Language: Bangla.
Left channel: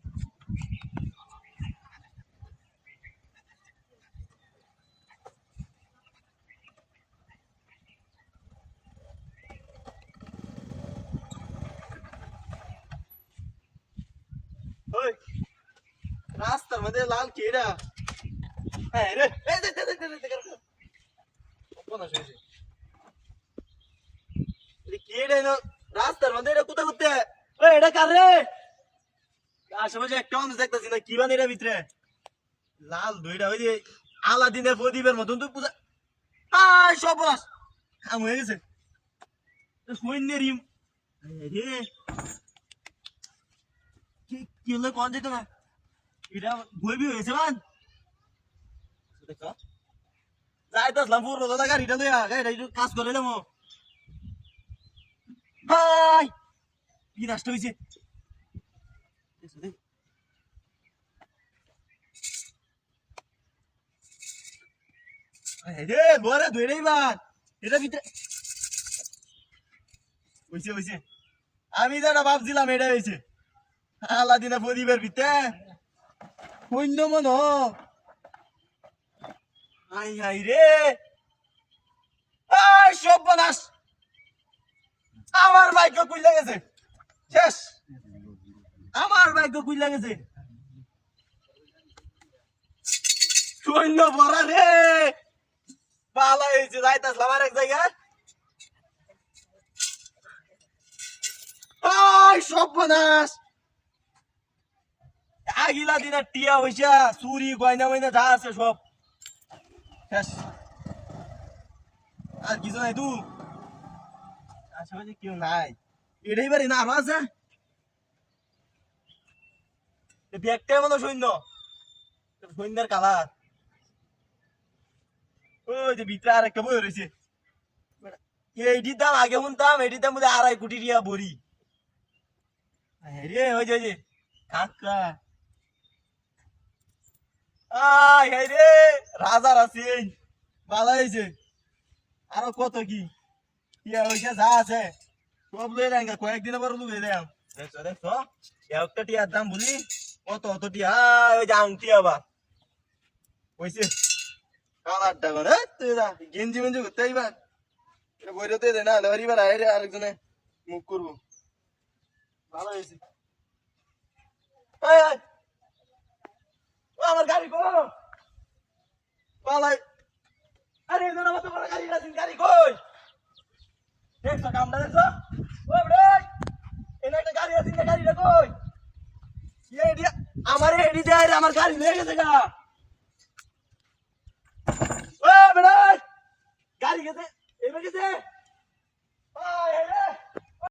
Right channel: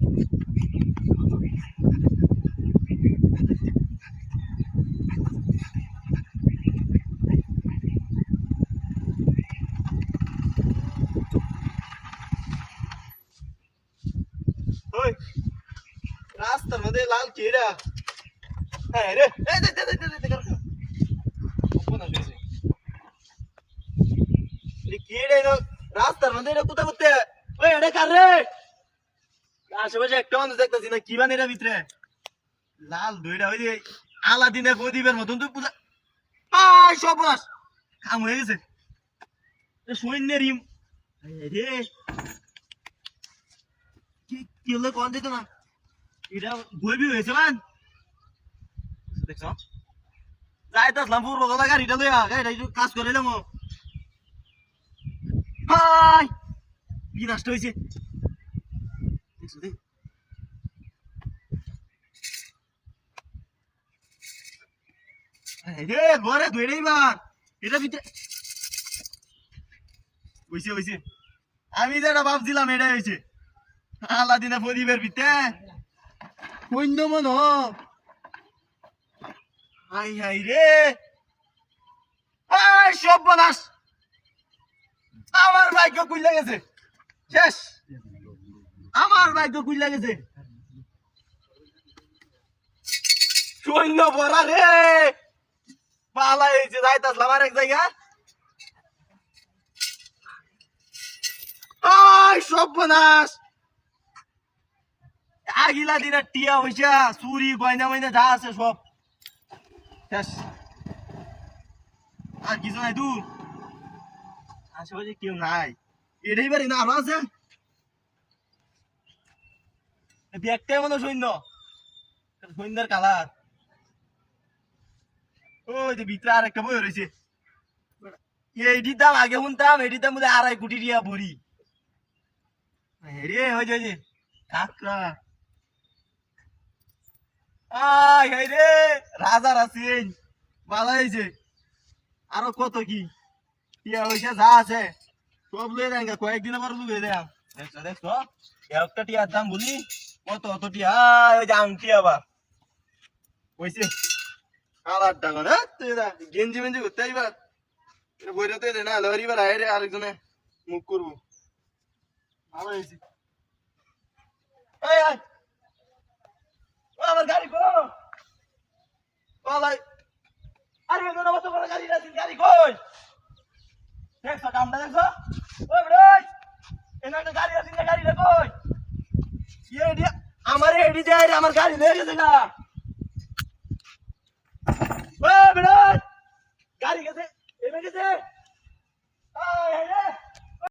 ওই রাস্তার মধ্যে লাল কেডা? হ্যাঁ রে, এই দে দে দে দে দে কোন আসে? এই কেডা ইনো রাস্তার মধ্যে এটা কোথা করতে? ওই এটা কার রে? আশেপাশে একটা মানুষ দেখতেছি না, কি বান এর ভিতরে? লাল দইটা ওই যে আলাদিনের প্রদীপের মতন তুই পূজা। আয় সবাস কাম হয়ে গেছে। সৈন্যের ইম রে কি হলো কোন যেত না? এটা বইবি হয়েছে মান দেখছো? যাইতাসলাম পূর্ব দাদা গাড়িটা লইয়া, গাড়িটা একটু কাজ করিলাম। হাই কি নষ্ট হয়েছে দেখছো দেখ। রে ঘরে ধরে বার এটা ভিতরে হইছে হইছে। আমি যেটা ভাবছিলাম এটাই হয়েছে। আলাদিনের প্রদীপের ভিতরে সৈন্য মন। হাই হাই রে, সর্বনাশ, আমার ভাগ্য কুইলা গেছে, শেষ, আমার ভাগ্য কুইলা গেছে। সৈন্য ভরা রে, পালা হয়েছে, যাইতাসলাম আর এক জায়গায়। সর্বনাশ, আগিলা দিনের টিয়া হইসা চুরি গয়না ময়না যা আছে সব শেষ। আর কিছু নাই, তুই আশেপাশে কেউ নাই, এটাই পারি না আরো আছে। ব্যাগটাই মনে সৈন্য, সৈন্যের কালার। ওই যে ভিতরে আর একটা বই রয়েছে, এইটির দাম আগে শুনতাম, এটির দাম বোধহয় 2.5 কোটি টাকা ভরি। রে ওই যে কাকড়া, আয় রে রাজার আছেন, ভালো হয়েছে। আরো কত কি টিয়া হয়েছে, যা আছে সব লয়ে দেন, কয়েকদিনের পর লুকে দেন। দেখছো দেখছো, একটা টিয়ার দাম বলি কত, অত টিয়া। ওই যে আংটি আবার হয়েছে কালার টাকা না, তুই না গেঞ্জি মেঞ্জি করতে এইবার বইতে দে না, লরিবার আয় রে আরেকজনে মুখ করবো। ভালো হয়েছে। এই আয়, ও আমার গাড়ি কো পালাই। আরে এখানে কত বড় গাড়ি আছে, গাড়ি কই? দেখছো কামটা দেখছো? ওই ভাই এখানে একটা গাড়ি আছে, গাড়িটা কই? এডি আমার এডি যায় রে, আমার গাড়ি নিয়ে গেছে গা। ওই ভাই গাড়ি গেছে, এমে গেছে।